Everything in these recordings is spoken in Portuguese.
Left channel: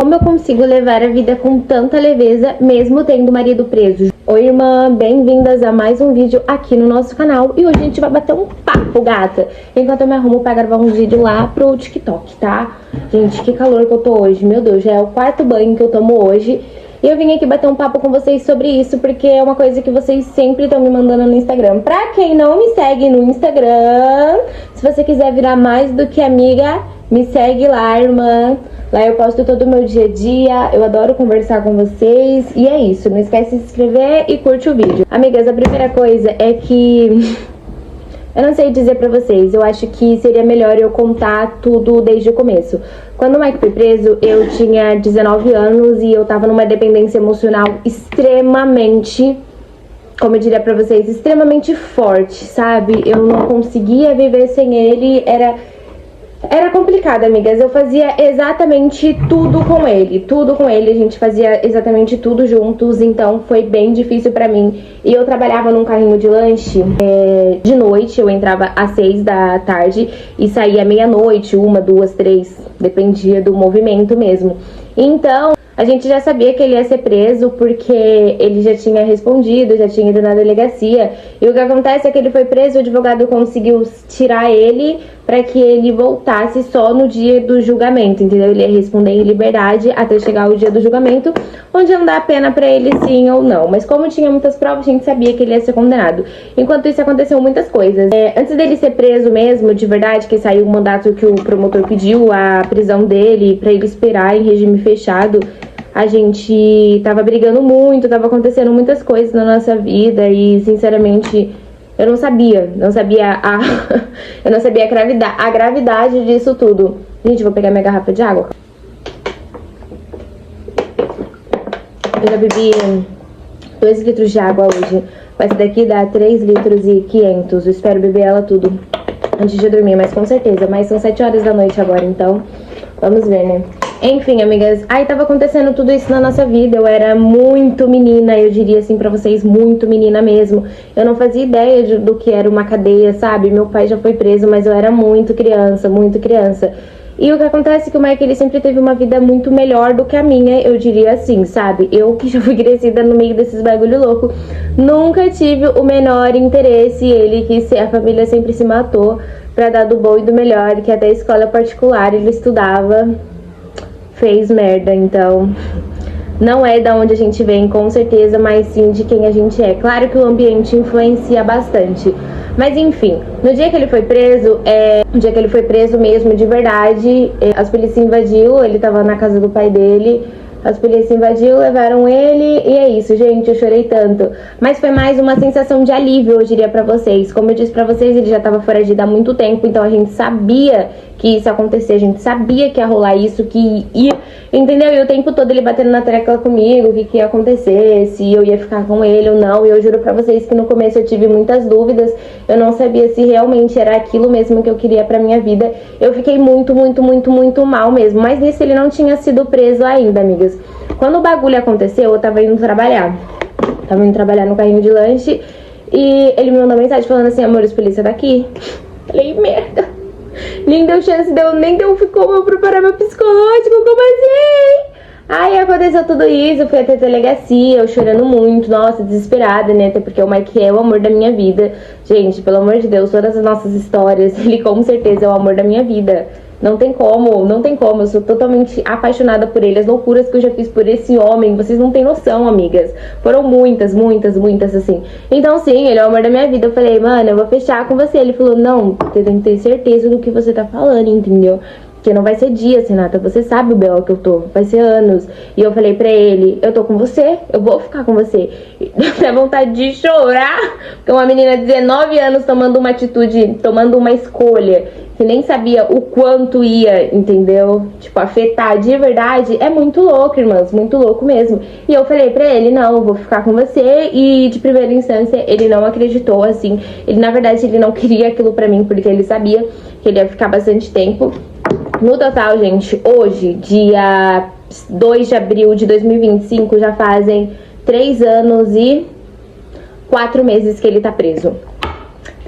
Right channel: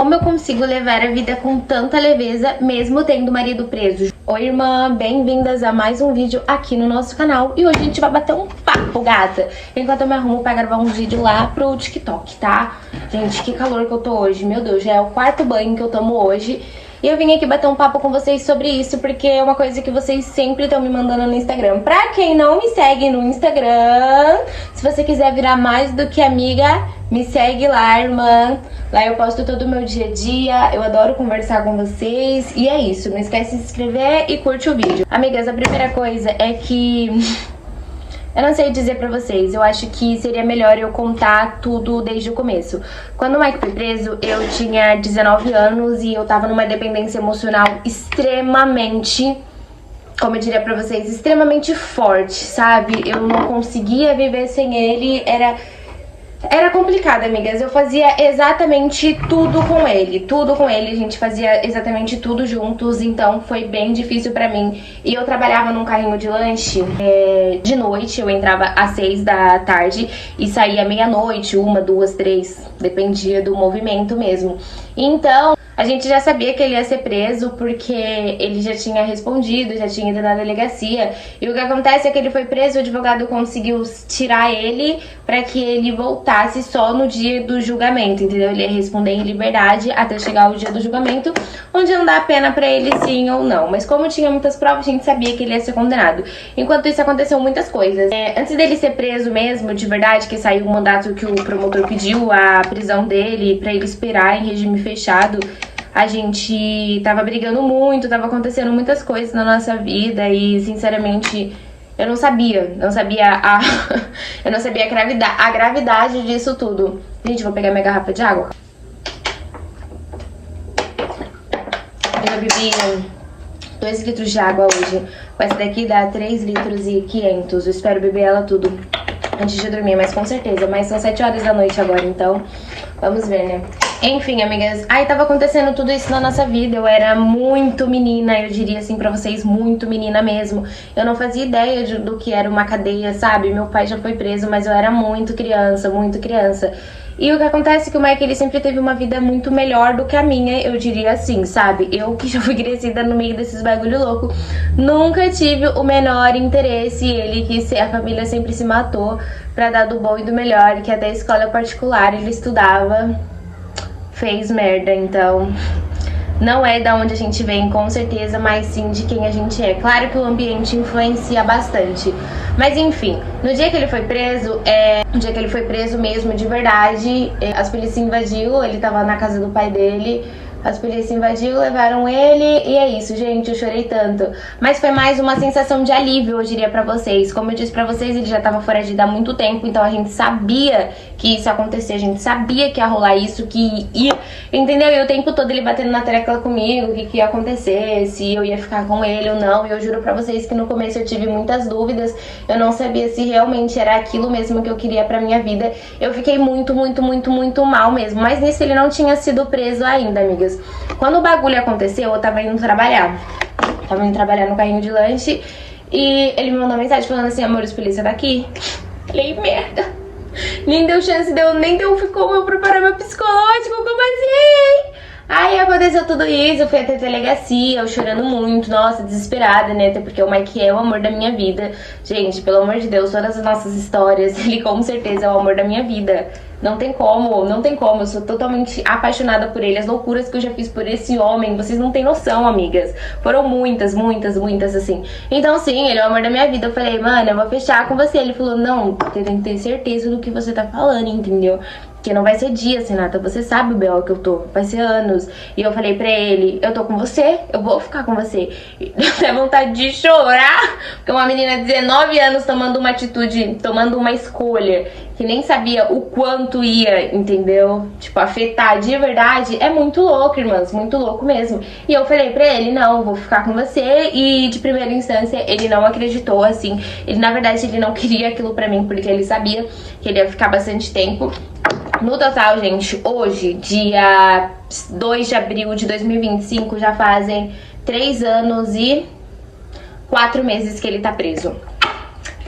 Como eu consigo levar a vida com tanta leveza, mesmo tendo marido preso? Oi, irmã, bem-vindas a mais um vídeo aqui no nosso canal. E hoje a gente vai bater um papo, gata, enquanto eu me arrumo pra gravar um vídeo lá pro TikTok, tá? Gente, que calor que eu tô hoje, meu Deus, já é o quarto banho que eu tomo hoje. E eu vim aqui bater um papo com vocês sobre isso, porque é uma coisa que vocês sempre estão me mandando no Instagram. Pra quem não me segue no Instagram, se você quiser virar mais do que amiga, me segue lá, irmã. Lá eu posto todo o meu dia a dia, eu adoro conversar com vocês. E é isso, não esquece de se inscrever e curte o vídeo. Amigas, a primeira coisa é que... eu não sei dizer pra vocês, eu acho que seria melhor eu contar tudo desde o começo. Quando o Mike foi preso, eu tinha 19 anos e eu tava numa dependência emocional extremamente, como eu diria pra vocês, extremamente forte, sabe? Eu não conseguia viver sem ele, era complicado, amigas. Eu fazia exatamente tudo com ele, a gente fazia exatamente tudo juntos, então foi bem difícil pra mim. E eu trabalhava num carrinho de lanche de noite, eu entrava às 6 da tarde e saía meia-noite, 1, 2, 3, dependia do movimento mesmo. Então, a gente já sabia que ele ia ser preso porque ele já tinha respondido, já tinha ido na delegacia. E o que acontece é que ele foi preso, o advogado conseguiu tirar ele para que ele voltasse só no dia do julgamento, entendeu? Ele ia responder em liberdade até chegar o dia do julgamento, onde iam dar a pena para ele sim ou não. Mas como tinha muitas provas, a gente sabia que ele ia ser condenado. Enquanto isso, aconteceu muitas coisas. Antes dele ser preso mesmo, de verdade, que saiu o mandato que o promotor pediu, a prisão dele, para ele esperar em regime fechado, a gente tava brigando muito, tava acontecendo muitas coisas na nossa vida e, sinceramente, eu não sabia eu não sabia a gravidade disso tudo. Gente, vou pegar minha garrafa de água. Eu já bebi 2 litros de água hoje. Essa daqui dá 3 litros e 500. Eu espero beber ela tudo antes de dormir, mas com certeza. Mas são 7 horas da noite agora, então vamos ver, né? Enfim, amigas, aí tava acontecendo tudo isso na nossa vida. Eu era muito menina, eu diria assim pra vocês, muito menina mesmo. Eu não fazia ideia do que era uma cadeia, sabe? Meu pai já foi preso, mas eu era muito criança, muito criança. E o que acontece é que o Mike, ele sempre teve uma vida muito melhor do que a minha, eu diria assim, sabe? Eu que já fui crescida no meio desses bagulho louco, nunca tive o menor interesse. Ele que a família sempre se matou pra dar do bom e do melhor, que até escola particular ele estudava, fez merda. Então não é da onde a gente vem, com certeza, mas sim de quem a gente é. Claro que o ambiente influencia bastante. Mas enfim, no dia que ele foi preso, no dia que ele foi preso mesmo, de verdade, as polícias invadiu, ele tava na casa do pai dele. As polícias invadiu, levaram ele e é isso, gente, eu chorei tanto. Mas foi mais uma sensação de alívio, eu diria pra vocês. Como eu disse pra vocês, ele já tava foragido há muito tempo, então a gente sabia que isso ia acontecer, a gente sabia que ia rolar isso, que ia, entendeu? E o tempo todo ele batendo na tecla comigo, o que ia acontecer, se eu ia ficar com ele ou não. E eu juro pra vocês que no começo eu tive muitas dúvidas, eu não sabia se realmente era aquilo mesmo que eu queria pra minha vida. Eu fiquei muito mal mesmo, mas nisso ele não tinha sido preso ainda, amigas. Quando o bagulho aconteceu, eu tava indo trabalhar. Tava indo trabalhar no carrinho de lanche e ele me mandou mensagem falando assim: amor, os polícia daqui. Falei, merda. Nem deu chance, nem deu, ficou eu preparar meu psicológico, como assim? Aí aconteceu tudo isso, eu fui até a delegacia, eu chorando muito, nossa, desesperada, né? Até porque o Mike é o amor da minha vida. Gente, pelo amor de Deus, todas as nossas histórias, ele com certeza é o amor da minha vida. Não tem como, eu sou totalmente apaixonada por ele. As loucuras que eu já fiz por esse homem, vocês não têm noção, amigas. Foram muitas, assim. Então sim, ele é o amor da minha vida. Eu falei, mano, eu vou fechar com você. Ele falou, não, você tem que ter certeza do que você tá falando, entendeu? Porque não vai ser dias, Renata, você sabe o B.O. que eu tô, vai ser anos. E eu falei pra ele, eu tô com você, eu vou ficar com você. Dá vontade de chorar, porque uma menina de 19 anos tomando uma atitude, tomando uma escolha, que nem sabia o quanto ia, entendeu? Tipo, afetar de verdade, é muito louco, irmãs, muito louco mesmo. E eu falei pra ele, não, eu vou ficar com você. E de primeira instância, ele não acreditou, assim. Ele, na verdade, ele não queria aquilo pra mim, porque ele sabia que ele ia ficar bastante tempo. No total, gente, hoje, dia 2 de abril de 2025, já fazem 3 anos e 4 meses que ele tá preso.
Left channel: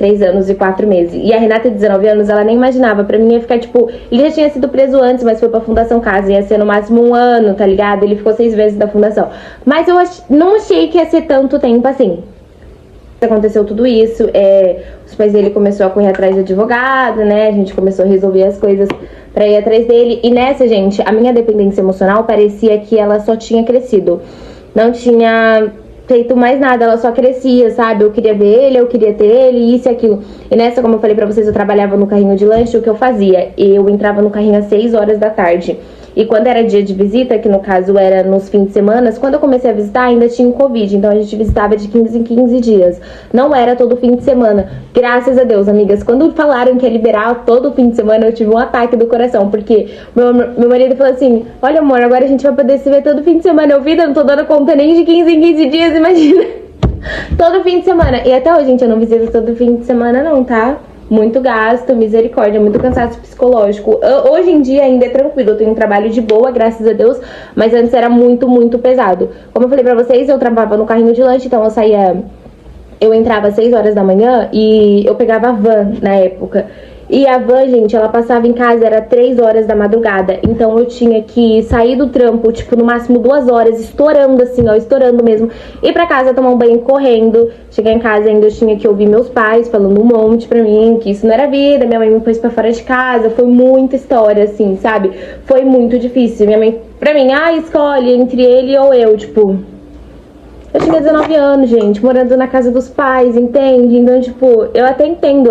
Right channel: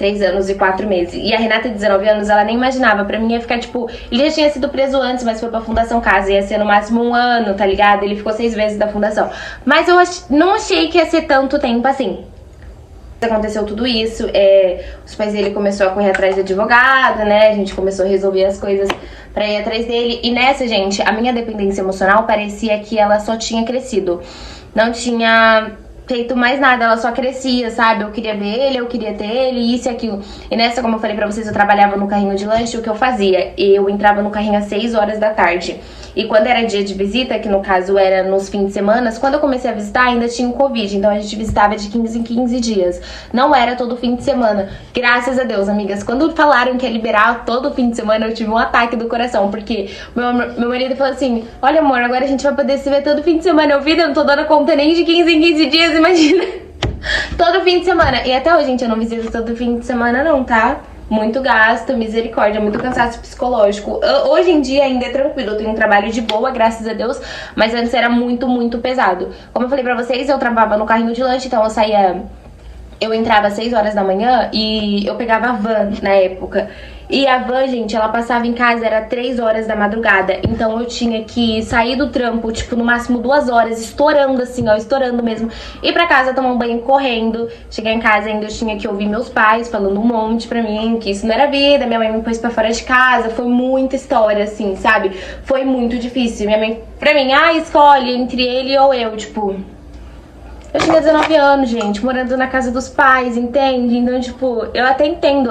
3 anos e 4 meses. E a Renata, de 19 anos, ela nem imaginava. Pra mim ia ficar, tipo... Ele já tinha sido preso antes, mas foi pra Fundação Casa. Ia ser no máximo 1 ano, tá ligado? Ele ficou 6 vezes da Fundação. Mas eu não achei que ia ser tanto tempo assim. Aconteceu tudo isso, os pais dele começaram a correr atrás de advogado, né? A gente começou a resolver as coisas pra ir atrás dele. E nessa, gente, a minha dependência emocional parecia que ela só tinha crescido. Não tinha feito mais nada, ela só crescia, sabe? Eu queria ver ele, eu queria ter ele, isso e aquilo. E nessa, como eu falei pra vocês, eu trabalhava no carrinho de lanche. O que eu fazia? Eu entrava no carrinho às 6 horas da tarde. E quando era dia de visita, que no caso era nos fins de semana, quando eu comecei a visitar ainda tinha o Covid, então a gente visitava de 15 em 15 dias. Não era todo fim de semana. Graças a Deus, amigas. Quando falaram que ia liberar todo fim de semana, eu tive um ataque do coração, porque meu marido falou assim: olha, amor, agora a gente vai poder se ver todo fim de semana. Eu vi, eu não tô dando conta nem de 15 em 15 dias, imagina. Todo fim de semana. E até hoje, gente, eu não visito todo fim de semana não, tá? Muito gasto, misericórdia, muito cansaço psicológico. Hoje em dia ainda é tranquilo, eu tenho um trabalho de boa, graças a Deus, mas antes era muito, muito pesado. Como eu falei pra vocês, eu trabalhava no carrinho de lanche, então eu entrava às 6 horas da manhã e eu pegava a van na época. E a van, gente, ela passava em casa, era 3 horas da madrugada. Então eu tinha que sair do trampo, tipo, no máximo 2 horas, estourando assim, ó, estourando mesmo. Ir pra casa, tomar um banho correndo. Chegar em casa ainda eu tinha que ouvir meus pais falando um monte pra mim, que isso não era vida. Minha mãe me pôs pra fora de casa. Foi muita história, assim, sabe? Foi muito difícil. Minha mãe, pra mim, escolhe entre ele ou eu, tipo... Eu tinha 19 anos, gente, morando na casa dos pais, entende? Então, tipo, eu até entendo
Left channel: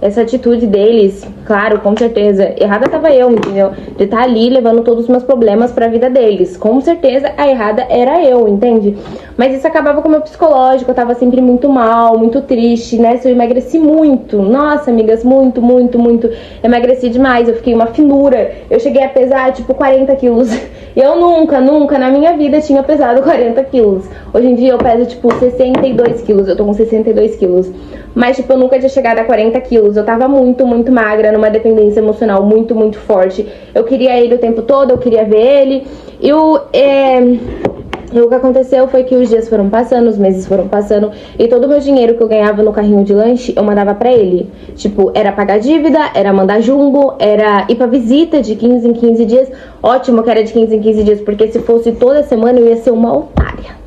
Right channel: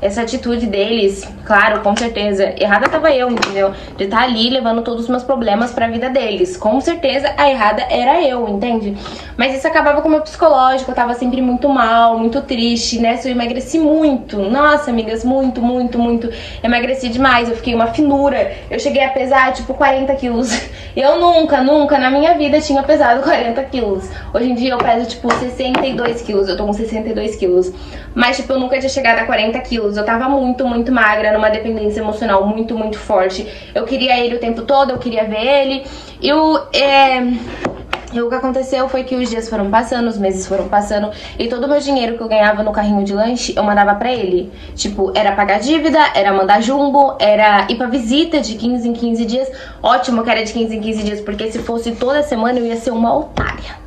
essa atitude deles, claro, com certeza. Errada tava eu, entendeu? De estar ali levando todos os meus problemas pra vida deles. Com certeza a errada era eu, entende? Mas isso acabava com o meu psicológico, eu tava sempre muito mal, muito triste, né? Eu emagreci muito. Nossa, amigas, muito, muito, muito. Emagreci demais, eu fiquei uma finura. Eu cheguei a pesar, tipo, 40 quilos. E eu nunca, nunca na minha vida tinha pesado 40 quilos. Hoje em dia eu peso, tipo, 62 quilos. Eu tô com 62 quilos. Mas, tipo, eu nunca tinha chegado a 40 quilos. Eu tava muito, muito magra, numa dependência emocional muito, muito forte. Eu queria ele o tempo todo, eu queria ver ele. E o que aconteceu foi que os dias foram passando, os meses foram passando, e todo o meu dinheiro que eu ganhava no carrinho de lanche, eu mandava pra ele. Tipo, era pagar dívida, era mandar jumbo, era ir pra visita de 15 em 15 dias. Ótimo que era de 15 em 15 dias, porque se fosse toda semana eu ia ser uma otária.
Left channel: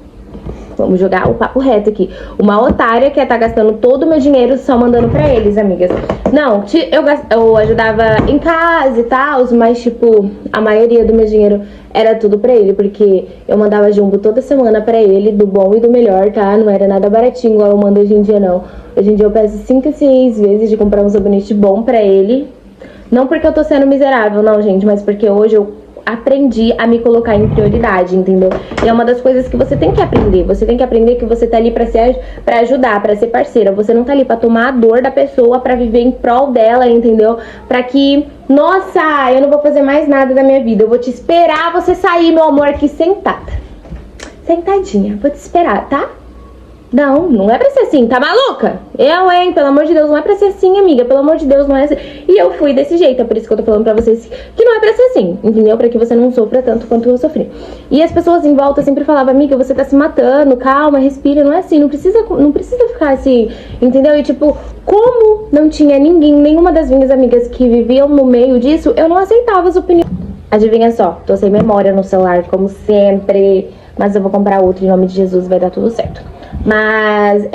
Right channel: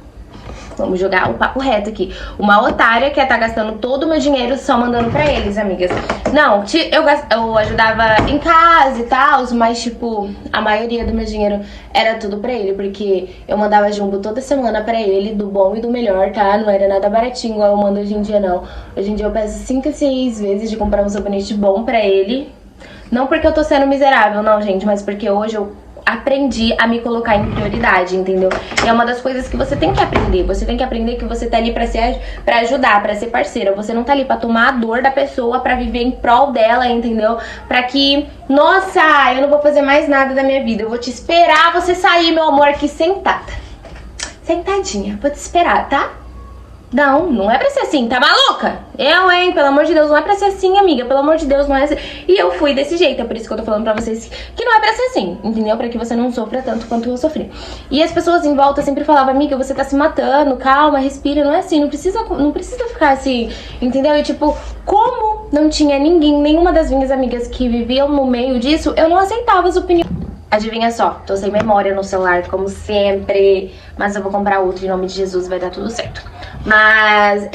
Vamos jogar o papo reto aqui. Uma otária que ia estar gastando todo o meu dinheiro só mandando pra eles, amigas. Não, eu ajudava em casa e tal, mas, tipo, a maioria do meu dinheiro era tudo pra ele, porque eu mandava jumbo toda semana pra ele, do bom e do melhor, tá? Não era nada baratinho, igual eu mando hoje em dia, não. Hoje em dia eu peço 5 a 6 vezes de comprar um sabonete bom pra ele. Não porque eu tô sendo miserável, não, gente, mas porque hoje eu aprendi a me colocar em prioridade, entendeu? E é uma das coisas que você tem que aprender. Você tem que aprender que você tá ali pra ajudar, pra ser parceira. Você não tá ali pra tomar a dor da pessoa, pra viver em prol dela, entendeu? Pra que, nossa, eu não vou fazer mais nada da minha vida. Eu vou te esperar você sair, meu amor, aqui sentada. Sentadinha, vou te esperar, tá? Não, não é pra ser assim, tá maluca? Hein, pelo amor de Deus, não é pra ser assim, amiga. Pelo amor de Deus, não é assim. E eu fui desse jeito, é por isso que eu tô falando pra vocês que não é pra ser assim, entendeu? Pra que você não sofra tanto quanto eu sofri. E as pessoas em volta sempre falavam: amiga, você tá se matando, calma, respira. Não é assim, não precisa ficar assim, entendeu? E tipo, como não tinha ninguém, nenhuma das minhas amigas que viviam no meio disso, eu não aceitava as opiniões. Adivinha só, tô sem memória no celular, como sempre. Mas eu vou comprar outro, em nome de Jesus, vai dar tudo certo. Mas,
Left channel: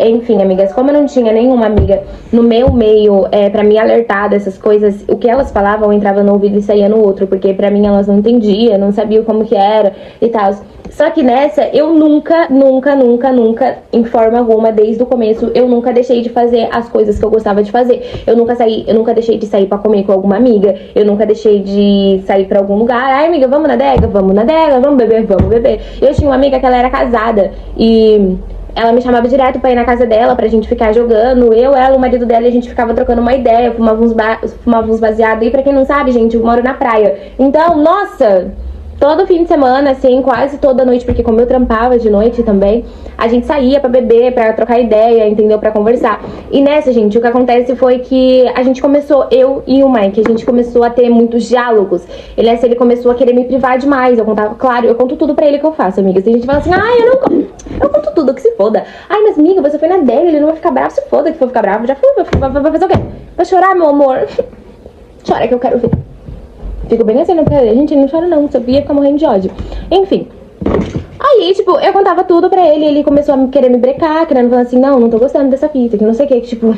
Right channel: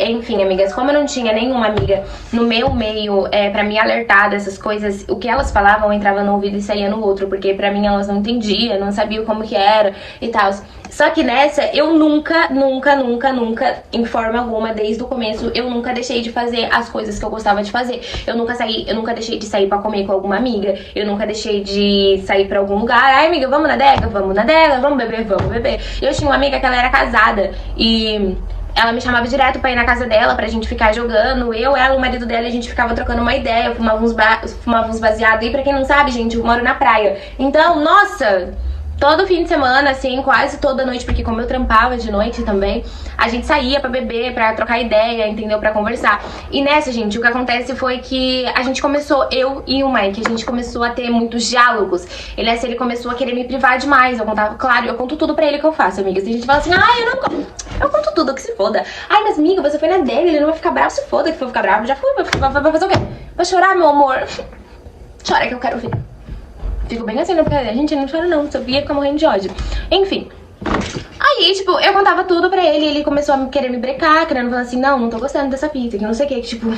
enfim, amigas, como eu não tinha nenhuma amiga no meu meio pra me alertar dessas coisas, o que elas falavam entrava no ouvido e saía no outro, porque pra mim elas não entendiam, não sabiam como que era e tal. Só que nessa, eu nunca, em forma alguma, desde o começo, eu nunca deixei de fazer as coisas que eu gostava de fazer. Eu nunca deixei de sair pra comer com alguma amiga, eu nunca deixei de sair pra algum lugar. Ai, amiga, vamos na adega, vamos beber. Eu tinha uma amiga que ela era casada e ela me chamava direto pra ir na casa dela, pra gente ficar jogando. Eu, ela, o marido dela, a gente ficava trocando uma ideia, fumava uns baseados. E pra quem não sabe, gente, eu moro na praia. Então, nossa, todo fim de semana, assim, quase toda noite, porque como eu trampava de noite também, a gente saía pra beber, pra trocar ideia, entendeu? Pra conversar. E nessa, gente, o que acontece foi que a gente começou, eu e o Mike, a gente começou a ter muitos diálogos. E nessa ele começou a querer me privar demais. Eu contava, claro, eu conto tudo pra ele que eu faço, amigas. Tem gente que fala assim, ai, eu não conto. Eu conto tudo, que se foda. Ai, mas amiga, você foi na dele, ele não vai ficar bravo, se foda que for ficar bravo. Já fui, vai fazer o quê? Vai chorar, meu amor? Chora que eu quero ver. Fico bem assim, porque a gente não chora não, sabia ficar morrendo de ódio. Enfim. Aí, tipo, eu contava tudo pra ele, ele começou a querer me brecar, querendo falar assim, não tô gostando dessa fita, que não sei o que, tipo...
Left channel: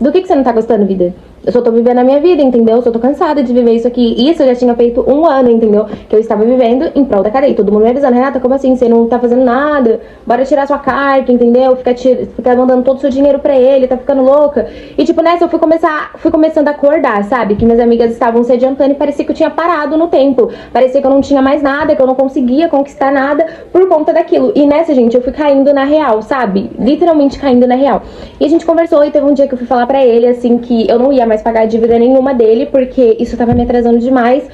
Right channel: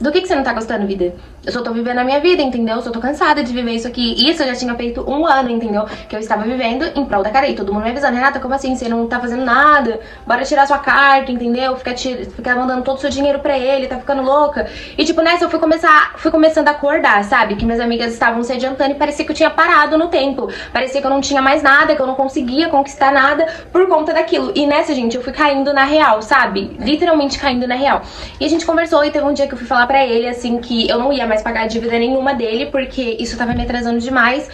Do que você não tá gostando, vida? Eu só tô vivendo a minha vida, entendeu? Eu só tô cansada de viver isso aqui. Isso eu já tinha feito 1 ano, entendeu? Que eu estava vivendo em prol da cadeia. Todo mundo me avisando, Renata, como assim? Você não tá fazendo nada? Bora tirar sua carta, entendeu? Ficar mandando todo o seu dinheiro pra ele, tá ficando louca. E tipo, nessa eu fui começando a acordar, sabe? Que minhas amigas estavam se adiantando e parecia que eu tinha parado no tempo. Parecia que eu não tinha mais nada, que eu não conseguia conquistar nada por conta daquilo. E nessa, gente, eu fui caindo na real, sabe? Literalmente caindo na real. E a gente conversou e teve um dia que eu fui falar pra ele, assim, que eu não ia mais pagar dívida nenhuma dele, porque isso tava me atrasando demais,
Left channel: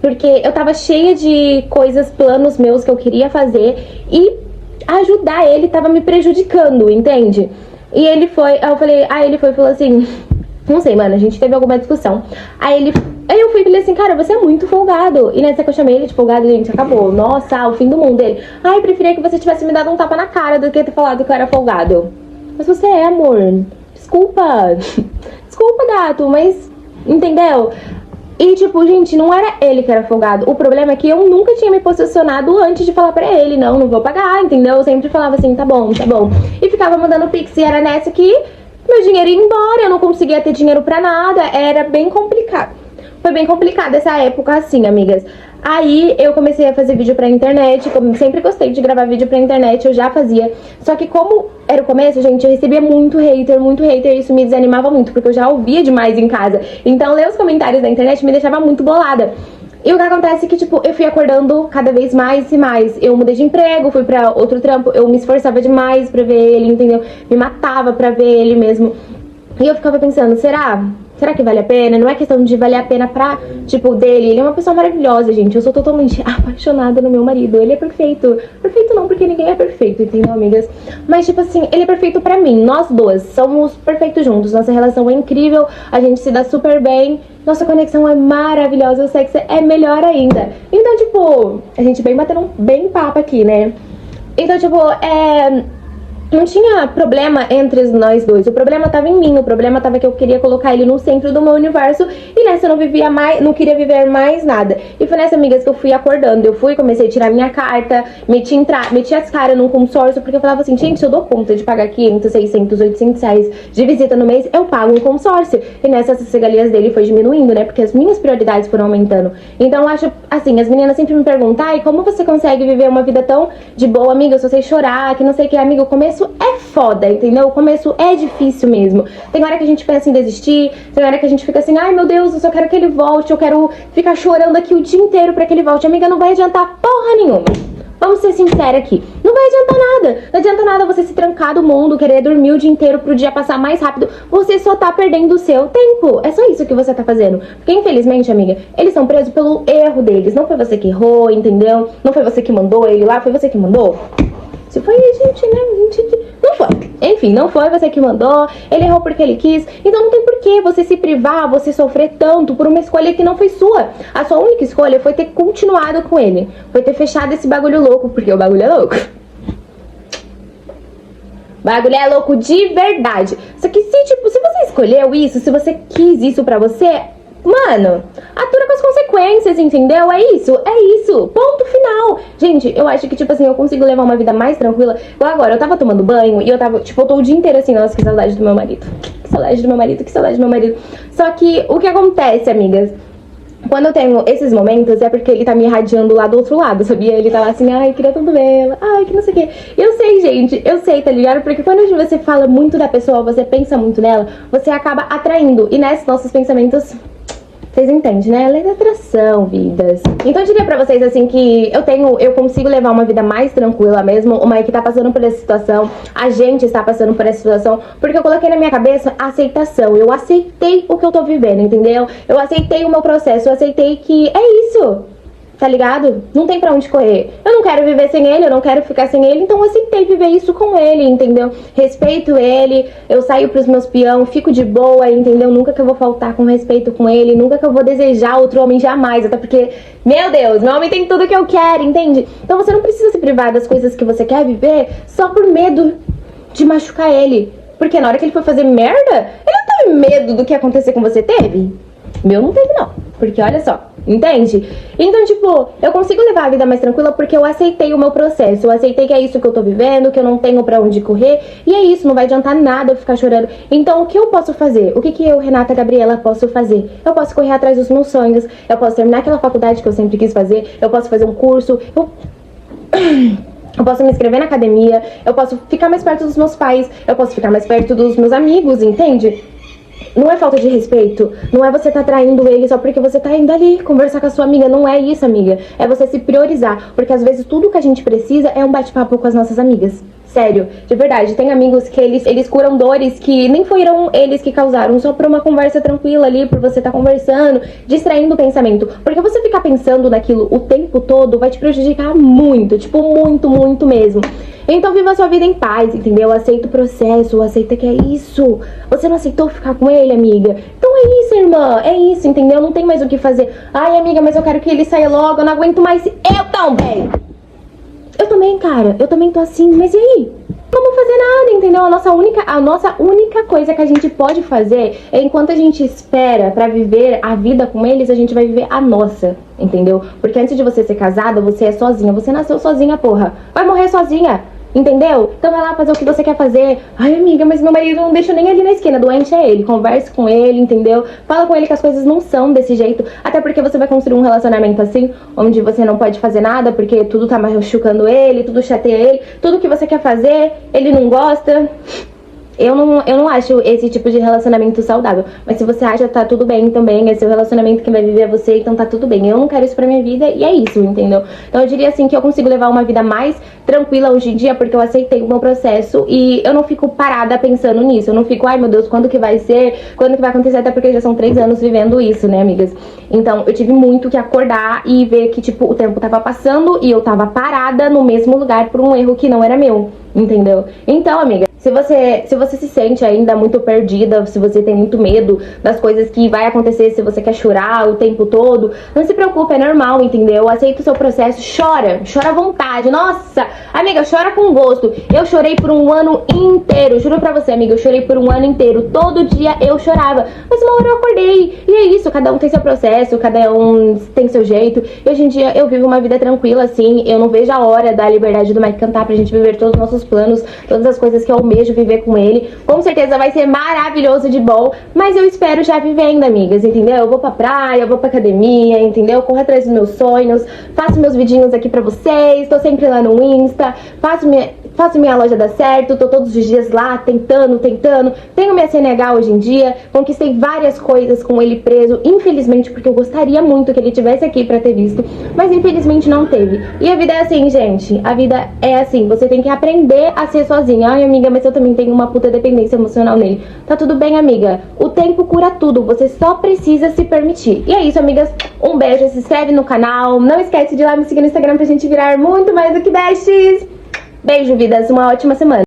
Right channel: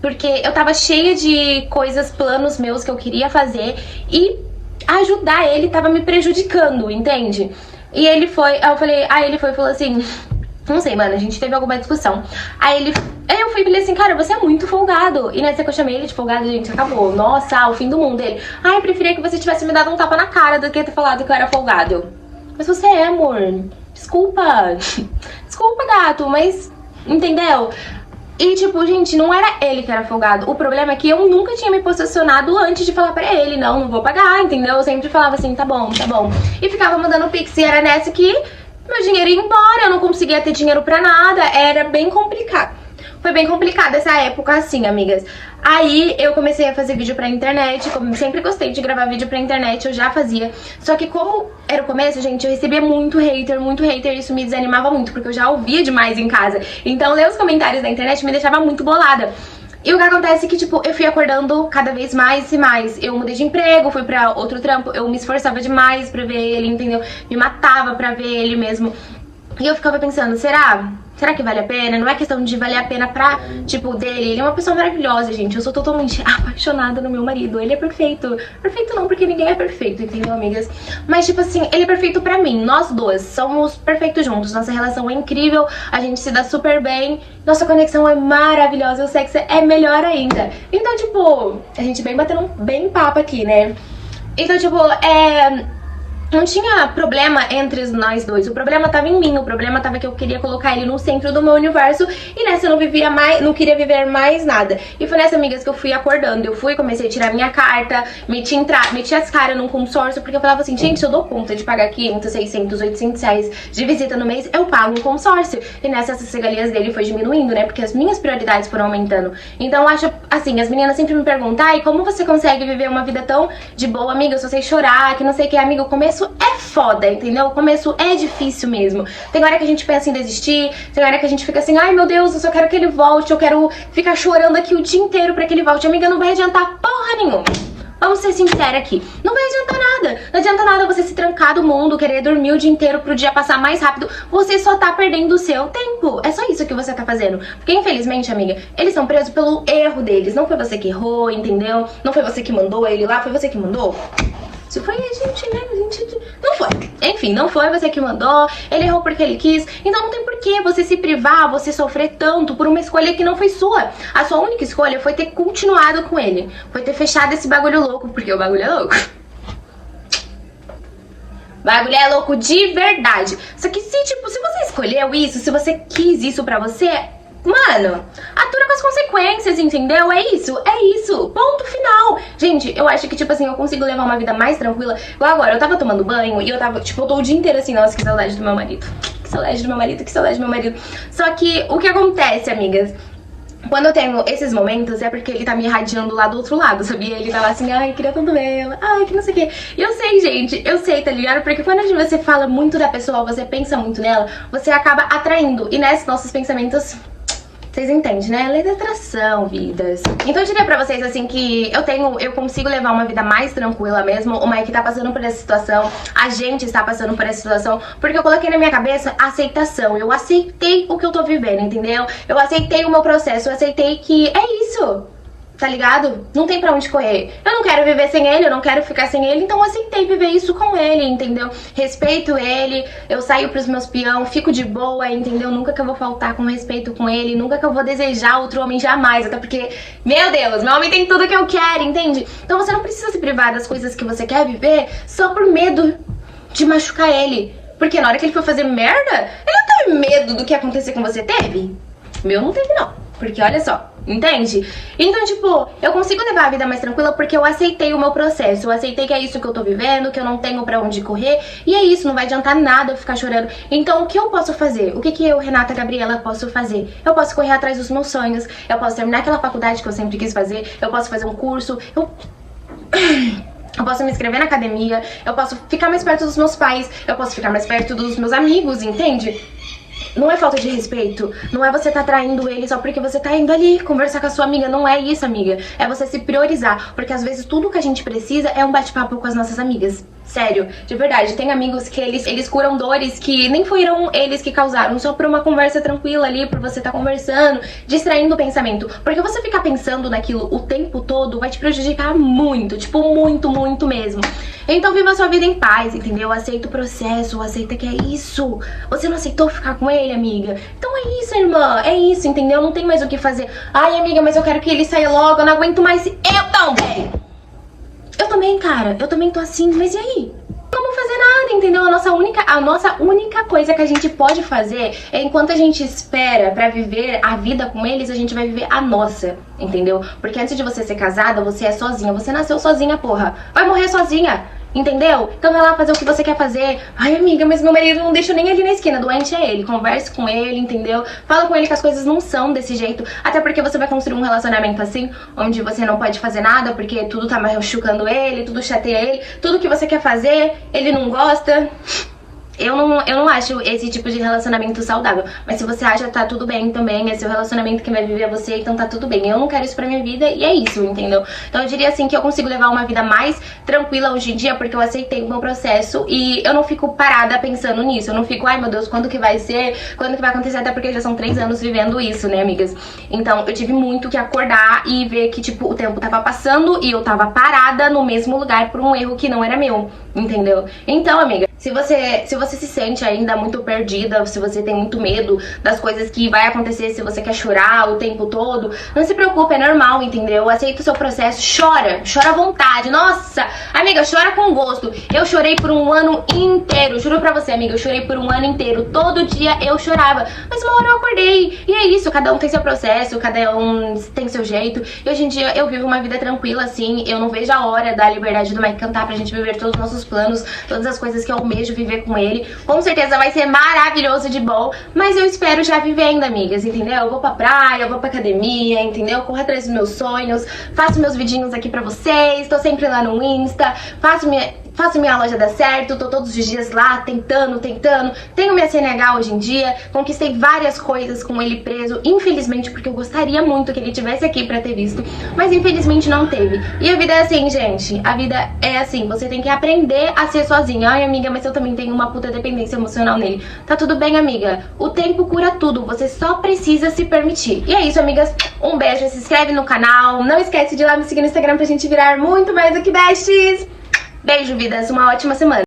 porque eu tava cheia de coisas, planos meus que eu queria fazer, e ajudar ele tava me prejudicando, entende? E ele foi, aí ele foi e falou assim, não sei, mano, a gente teve alguma discussão. Aí eu fui e falei assim, cara, você é muito folgado. E nessa que eu chamei ele de folgado, gente, acabou. Nossa, o fim do mundo. Ele, eu preferia que você tivesse me dado um tapa na cara do que ter falado que eu era folgado. Mas você é, amor. Desculpa. Desculpa, gato, mas... Entendeu? E, tipo, gente, não era ele que era folgado. O problema é que eu nunca tinha me posicionado antes de falar pra ele. Não vou pagar, entendeu? Eu sempre falava assim, tá bom, tá bom. E ficava mandando pix. E era nessa que meu dinheiro ia embora. Eu não conseguia ter dinheiro pra nada. Era bem complicado. Foi bem complicado essa época, assim, amigas. Aí eu comecei a fazer vídeo pra internet, como sempre gostei de gravar vídeo pra internet, eu já fazia. Só que como era o começo, gente, eu recebia muito hater, e isso me desanimava muito, porque eu já ouvia demais em casa. Então ler os comentários da internet me deixava muito bolada. E o que acontece é que, tipo, eu fui acordando cada vez mais e mais. Eu mudei de emprego, fui pra outro trampo, eu me esforçava demais pra ver ele, entendeu? Me matava pra ver ele mesmo. E eu ficava pensando, será que vale a pena? Não é questão de valer a pena pra, tipo, dele. Ele é uma pessoa maravilhosa, gente. Eu sou totalmente apaixonada no meu marido. Ele é perfeito. Perfeito não, porque ninguém é perfeito, entendeu, amigas? Mas, tipo assim, ele é perfeito pra mim. Nós duas somos perfeitos juntos. Nossa relação é incrível. A gente se dá super bem. Nossa conexão é maravilhosa. O sexo é melhor ainda. Então, tipo, a gente vem batendo bem papo aqui, né? Então, tipo, não tinha problema entre nós dois. O problema tava em mim. O problema tava que eu queria colocar ele no centro do meu universo. E nessa eu não queria viver mais nada. E foi nessa, amigas, que eu fui acordando. Comecei a tirar minha carta, meti as caras num consórcio, porque eu falava assim, gente, se eu dou conta de pagar 500, 600, 800 reais de visita no mês, eu pago um consórcio. E nessa, essas regalias dele foi diminuindo, né? Porque as minhas prioridades foram aumentando. Então, eu acho, assim, as meninas sempre me perguntam, ai, como você consegue viver uma vida tão de boa, amiga, se você chorar, que não sei o que, amiga, o começo é foda, entendeu? O começo é difícil mesmo. Tem hora que a gente pensa em desistir, tem hora que a gente fica assim, ai meu Deus, eu só quero que ele volte, eu quero ficar chorando aqui o dia inteiro pra que ele volte. Amiga, não vai adiantar porra nenhuma. Vamos ser sinceros aqui. Não vai adiantar nada. Não adianta nada você se trancar do mundo, querer dormir o dia inteiro pro dia passar mais rápido. Você só tá perdendo o seu tempo. É só isso que você tá fazendo. Porque, infelizmente, amiga, eles são presos pelo erro deles. Não foi você que errou, entendeu? Não foi você que mandou ele lá, foi você que mandou. Se foi a gente, né? Não foi. Enfim, não foi você que mandou. Ele errou porque ele quis. Então não tem por que você se privar, você sofrer tanto por uma escolha que não foi sua. A sua única escolha foi ter continuado com ele. Foi ter fechado esse bagulho louco, porque o bagulho é louco. Bagulho é louco de verdade. Só que se você escolheu isso, se você quis isso pra você, mano, atura com as consequências, entendeu? É isso. Ponto final. Gente, eu acho que, tipo assim, eu consigo levar uma vida mais tranquila. Igual agora, eu tava tomando banho e eu tô o dia inteiro assim, nossa, que saudade do meu marido. Que saudade do meu marido, que saudade do meu marido. Só que, o que acontece, amigas? Quando eu tenho esses momentos, é porque ele tá me irradiando lá do outro lado, sabia? Ele tá lá assim, ai, queria tanto vê-la, ai, que não sei o quê. Eu sei, gente, eu sei, tá ligado? Porque quando você fala muito da pessoa, você pensa muito nela, você acaba atraindo. E nesses nossos pensamentos... Vocês entendem, né? Lei da atração, vidas. Então eu diria pra vocês, assim, que eu consigo levar uma vida mais tranquila mesmo. O Mike tá passando por essa situação, a gente está passando por essa situação, porque eu coloquei na minha cabeça aceitação. Eu aceitei o que eu tô vivendo, entendeu? Eu aceitei o meu processo, eu aceitei que é isso. tá ligado? Não tem pra onde correr. Eu não quero viver sem ele, eu não quero ficar sem ele, então eu aceitei viver isso com ele, entendeu? Respeito ele, eu saio pros meus peão, fico de boa, entendeu? Nunca que eu vou faltar com respeito com ele, nunca que eu vou desejar outro homem, jamais, até porque, meu Deus, meu homem tem tudo que eu quero, entende? Então você não precisa se privar das coisas que você quer viver só por medo de machucar ele. Porque na hora que ele for fazer merda, ele não teve medo do que acontecer com você, teve? Meu não teve não, porque olha só, entende? Então, tipo, eu consigo levar a vida mais tranquila porque eu aceitei o meu processo. Eu aceitei que é isso que eu tô vivendo, que eu não tenho pra onde correr. E é isso, não vai adiantar nada eu ficar chorando. Então, o que eu posso fazer? O que eu, Renata Gabriela, posso fazer? Eu posso correr atrás dos meus sonhos. Eu posso terminar aquela faculdade que eu sempre quis fazer. Eu posso fazer um curso. Eu posso me inscrever na academia. Eu posso ficar mais perto dos meus pais. Eu posso ficar mais perto dos meus amigos, entende? Não é falta de respeito, não é você tá traindo ele só porque você tá indo ali conversar com a sua amiga, não é isso, amiga. É você se priorizar, porque às vezes tudo que a gente precisa é um bate-papo com as nossas amigas. Sério, de verdade, tem amigos que eles curam dores que nem foram eles que causaram, só por uma conversa tranquila ali, por você tá conversando, distraindo o pensamento. Porque você ficar pensando naquilo o tempo todo vai te prejudicar muito, tipo, muito, muito mesmo. Então viva a sua vida em paz, entendeu? Aceita o processo, aceita que é isso. Você não aceitou ficar com ele, amiga? Então é isso, irmã, é isso, entendeu? Não tem mais o que fazer. Ai, amiga, mas eu quero que ele saia logo, eu não aguento mais. Eu também! Eu também, cara, eu também tô assim, mas e aí? Não vamos fazer nada, entendeu? A nossa única coisa que a gente pode fazer é, enquanto a gente espera pra viver a vida com eles, a gente vai viver a nossa, entendeu? Porque antes de você ser casada, você é sozinha, você nasceu sozinha, porra. Vai morrer sozinha. Entendeu? Então vai lá fazer o que você quer fazer. Ai, amiga, mas meu marido não deixa nem ali na esquina. Doente é ele. Converse com ele, entendeu? Fala com ele que as coisas não são desse jeito. Até porque você vai construir um relacionamento assim, onde você não pode fazer nada, porque tudo tá machucando ele, tudo chateia ele. Tudo que você quer fazer, ele não gosta. Eu não acho esse tipo de relacionamento saudável. Mas se você acha, tá tudo bem também. É seu relacionamento que vai viver é você, então tá tudo bem. Eu não quero isso pra minha vida e é isso, entendeu? Então eu diria assim que eu consigo levar uma vida mais tranquila hoje em dia porque eu aceitei o meu processo e eu não fico parada pensando nisso. Eu não fico, ai meu Deus, quando que vai ser? Quando que vai acontecer? Até porque já são 3 anos vivendo isso, né, amigas? Então eu tive muito que acordar e ver que, tipo, o tempo tava passando e eu tava parada no mesmo lugar por um erro que não era meu, entendeu? Então, amiga, se você se sente ainda muito perdida, se você tem muito medo das coisas que vai acontecer, se você quer chorar o tempo todo, não se preocupe, é normal, entendeu? Aceita o seu processo, chora à vontade. Nossa, amiga, chora com gosto. Eu chorei por um ano inteiro, juro pra você, amiga, eu chorei por um ano inteiro. Todo dia eu chorava, mas uma hora eu acordei. E é isso, cada um tem seu processo, cada um tem seu jeito. E hoje em dia eu vivo uma vida tranquila, assim. Eu não vejo a hora da liberdade do Mike cantar pra gente viver todos os nossos planos, todas as coisas que eu almejo viver com ele. Com certeza vai ser maravilhoso de bom, mas eu espero já vivendo, amigas, entendeu? Eu vou pra praia, eu vou pra academia, entendeu? Corro atrás dos meus sonhos, faço meus vidinhos aqui pra vocês, tô sempre lá no Insta, faço minha loja dar certo, tô todos os dias lá tentando. Tenho minha CNH hoje em dia, conquistei várias coisas com ele preso, infelizmente, porque eu gostaria muito que ele tivesse aqui pra ter visto, mas infelizmente não teve. E a vida é assim, gente, a vida é assim, você tem que aprender a ser sozinha. Ai, amiga, mas eu também tenho uma puta dependência emocional nele. Tá tudo bem, amiga, o tempo cura tudo, você só precisa se permitir. E é isso, amigas, um beijo, se inscreve no canal, não esquece de ir lá me seguir no Instagram pra gente virar muito mais do que besties. Beijo, vidas, uma ótima semana.